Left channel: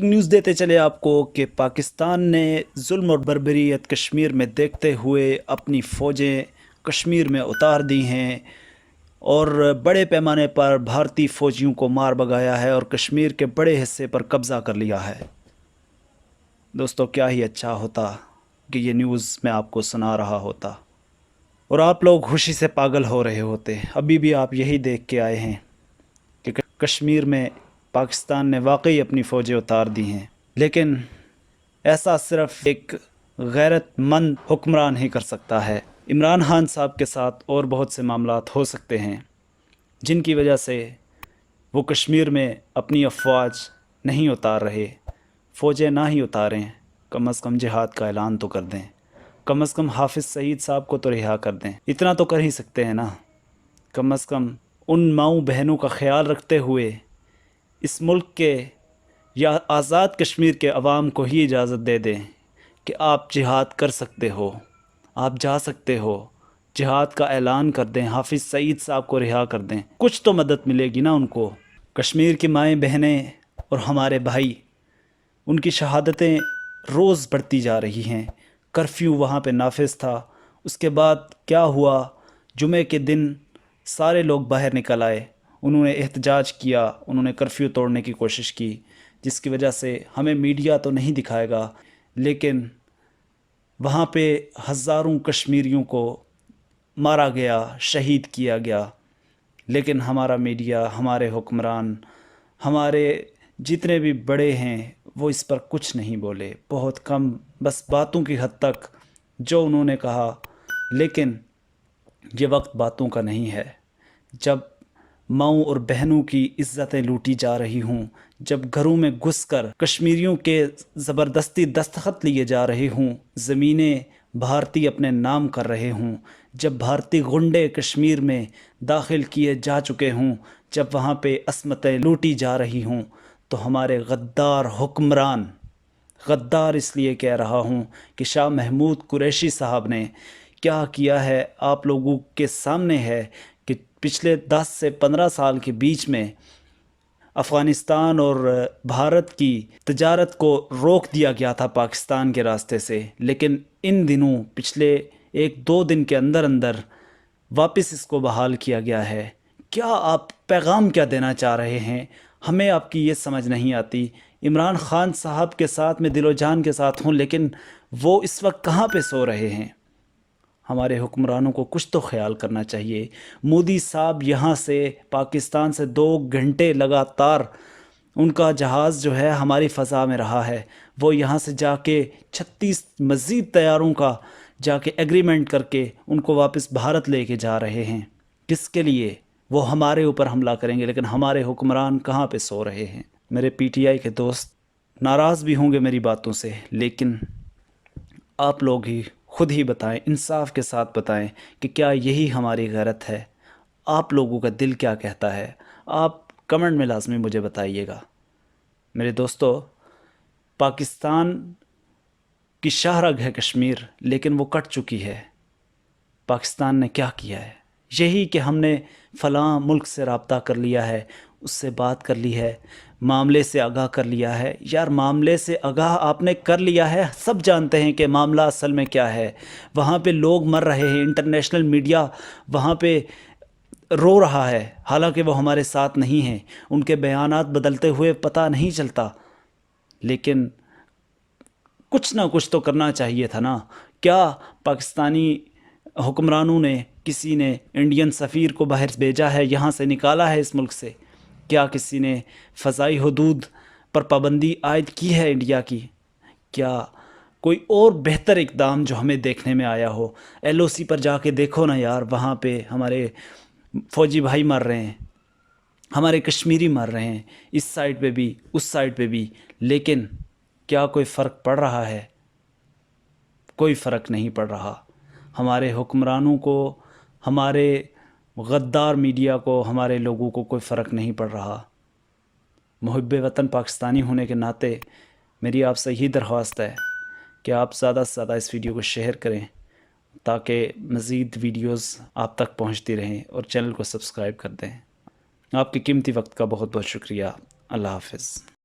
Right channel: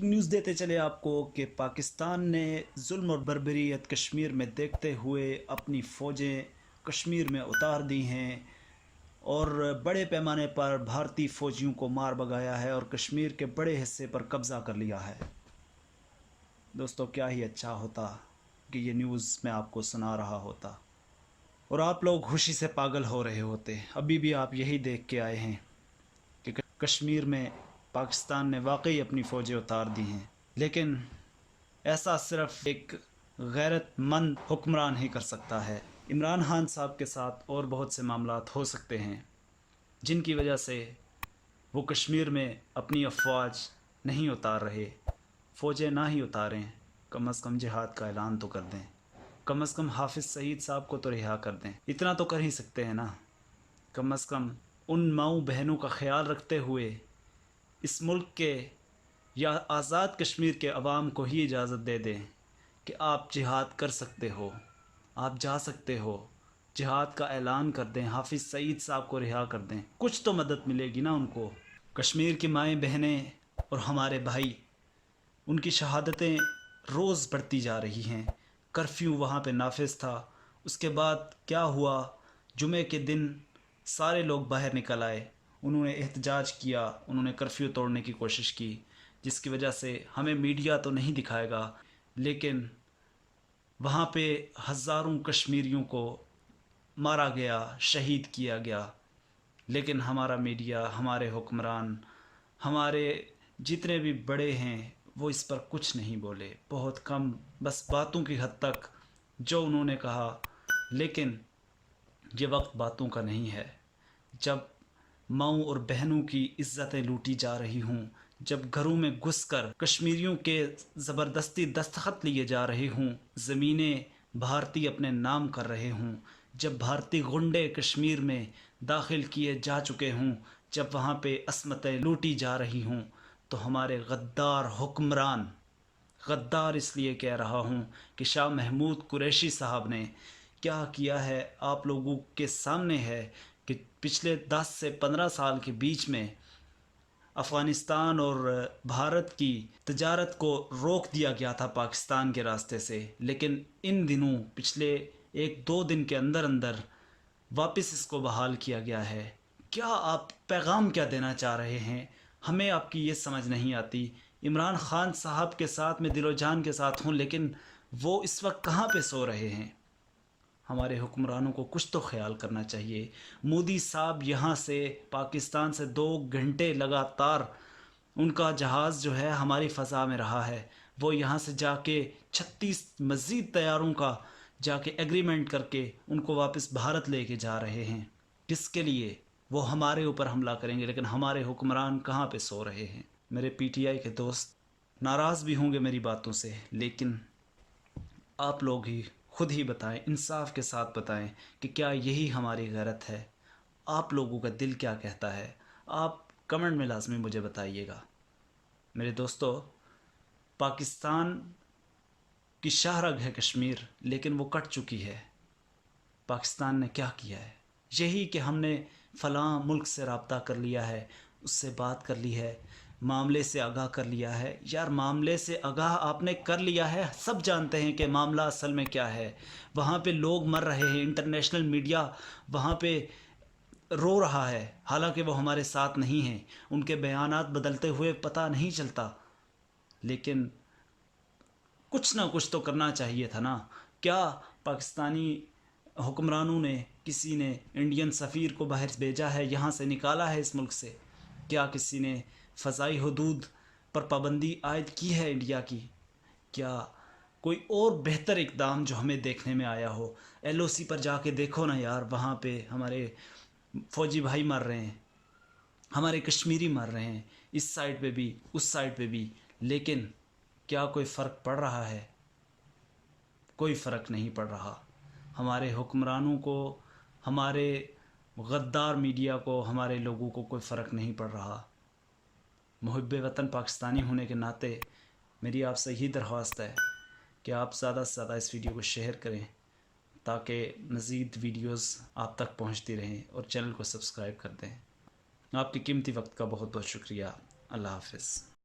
Breaking news देते चले आपको कि पाकिस्तान ने जुल्म और बर्बरियत कश्मीर में देखते हुए अपनी फ़ौजें कश्मीर में उतार दी हैं और बड़े पैमाने पर भारतीय फ़ौजियों को मार भगाया है और कश्मीर के बड़े हिस्से पर कब्ज़ा कर लिया है। दोस्तों, क्या ही अच्छा होता कि ये न्यूज़ मैं आपको सुना रहा होता और आप लोग खुशी से पागल हो रहे होते। अभी भी आप यही देख के आए हैं कि कश्मीर में पाकिस्तान ने वाकई अपनी फ़ौजें उतार दी हैं, लेकिन ऐसा सिर्फ एक गैरतमंद हुक्मरान ही कर सकता है। इमरान खान साहब के साथ और बहुत से मामलात हो सकते हैं जिनकी वजह से वो कश्मीर में अपनी अफवाज नहीं उतार रहे। फ़ौजें ना ही उतारें, कम अज़ कम जिहाद का ऐलान तो कर दें, कम अज़ कम हाफिज़ सईद साहब को तो रिहा कर दें। इतना तो कर ही सकते हैं ना। कम अज़ कम उन माऊँ बहनों का ख्याल रखते हुए इस मुल्क के या आज़ाद कश्मीर के अवाम को ही इजाज़त दे दें कि आप जिहाद कर सकते हो, आप जा सकते हो, जिहाद का ऐलान कर दें, हाफिज़ सईद साहब को रिहा कर दें। कुछ तो मदद मिलेगी ना उनको। कश्मीर की माएँ बहनें और हमारे भाई, उनकी शहादतें रोज़ बढ़ती जा रही हैं। कर्फ्यू वहाँ पे नाफिज था, उसके बाद क्या हुआ? जुमे के दिन सारे लोग बाहर निकल आए, उन्होंने एहतजाज किया, उन्होंने कर्फ्यू तोड़ने की कोशिश की, जिसकी वजह से हमें मीडिया तो नहीं दिखाएगा, लेकिन वहाँ पे हज़ारों कश्मीरियों को मारा गया, शहीद किया गया। लेकिन हमारा मीडिया, हमारे हुक्मरान, हमारे जितने भी बड़े हैं, वो इस पर कुछ नहीं बोले, बहुत कम, बस बातों की हद तक जो उन्होंने कहा। लेकिन ये वक्त बातों का नहीं है। जब माँओं और बहनों की इज़्ज़तें लूटी जा रही हों, जब घरों में घुसकर कश्मीरियों के ज़बरदस्ती दस्तखत लिए जा रहे हों, ज़मीनें भारतीय अपने नाम कर रहे हों, जब भारतीय गुंडे कश्मीर में दाखिल किए जा चुके हों, जब वहाँ पे असमतें लूटी जा रही हों, तो हमारे गद्दार हुक्मरान, गद्दार इसलिए कह रहा हूँ कि शाह महमूद कुरैशी साहब ने क्या किया है आप लोगों के सामने है कि पिछले 10 से 15 साल के बीच में अफ़गानिस्तान और भारत की तजारत को रोक दिया गया था पाकिस्तान के रास्ते से, लेकिन इन दिनों पिछले 1-2 दिन के अंदर अंदर वापस इसको बहाल किया गया है। क्या आप पैगाम क्या देना चाह रहे हैं? हमें आपकी ये समझ नहीं आती। इमरान खान साहब के साथ मैं दिलो जान के साथ हूँ, लेकिन वो इस वक्त कहाँ पे सो रहे हैं? हमारे हुक्मरानों को कुछ तो ख्याल करना चाहिए। मोदी साहब यहाँ से पाकिस्तान से 2 घंटे लगातार उनका जहाज़ जो है हमारी फ़ज़ा में रहा है। वो यहाँ से जाके 36 मज़ीद तैयारों का जाके एग्रीमेंट करके उनको वापस भारत लेके जा रहे हैं। किसके लिए? वो हमारे ऊपर हमला करेंगे, लेकिन हमारे हुक्मरान कहाँ पे सो रहे हैं? मेरे पीटीआई के दोस्त नाराज़ भी होंगे मेरी बातों से, लेकिन आप लोग ही खुद ही बताएं, इंसाफ के साथ बताएं कि क्या यही हमारी गैरत है? आप लोगों का दिल क्या कहता है? आप कमेंट में लाजमी मुझे बताइएगा। मेरे दोस्तों, पाकिस्तान की शाहरग है कश्मीर, लेकिन वो कट चुकी है। पाकिस्तान ने क्या किया है? यही कि हमने फ़लाँ मुल्क से रब्ता कर लिया है, उससे बात कर ली है, मामले से आगाह कर लिया है। यार, मामले से आगाह आपने कर लिया है, सब जानते हैं कि मामला असल में क्या है। वहाँ पे लोग मर रहे हैं, इंटरनेशनल मीडिया वहाँ पे रो रहा है, हालांकि वो हमारे साथ नहीं हैं, उनके बयानात बदलते हुए पता नहीं चलता, लेकिन कुछ ना कुछ तो करना चाहिए था ना। क्या पाकिस्तानी हुक्मरानों ने, किसी ने इंडियन सफ़ीर को बाहर भेजा है, यहाँ से निकाला है इस मुल्क से? क्या किसी ने फ़ज़ाई हदूद पर पाबंदी आयद की है इंडिया की? क्या कोई और बेहतर इक़दाम जो हमें देखने में आया हो? एलओसी पर जाके देखो ना यार, वहाँ पे हमारे फ़ौजी भाई मर रहे हैं, हमारे कश्मीरी मर रहे हैं, इस साइड पे भी उस साइड पे भी, लेकिन क्या कोई फ़र्क पड़ रहा है? कोई फ़र्क नहीं पड़ रहा। हमारे हुक्मरानों को, हमारे गद्दार मीडिया को, हमारे लोगों को कोई फ़र्क नहीं पड़ रहा। मुहिब्बे वतन पाकिस्तानी होने के नाते मेरी आपसे यही दरख्वास्त है कि आप ज़्यादा से ज़्यादा इस वीडियो को शेयर करें, ताकि मज़ीद वीडियोस आप तक पहुंचती रहें, और चैनल को सब्सक्राइब कर दें। आपके कीमती वक्त का बहुत बहुत शुक्रिया। अल्लाह हाफ़िज़।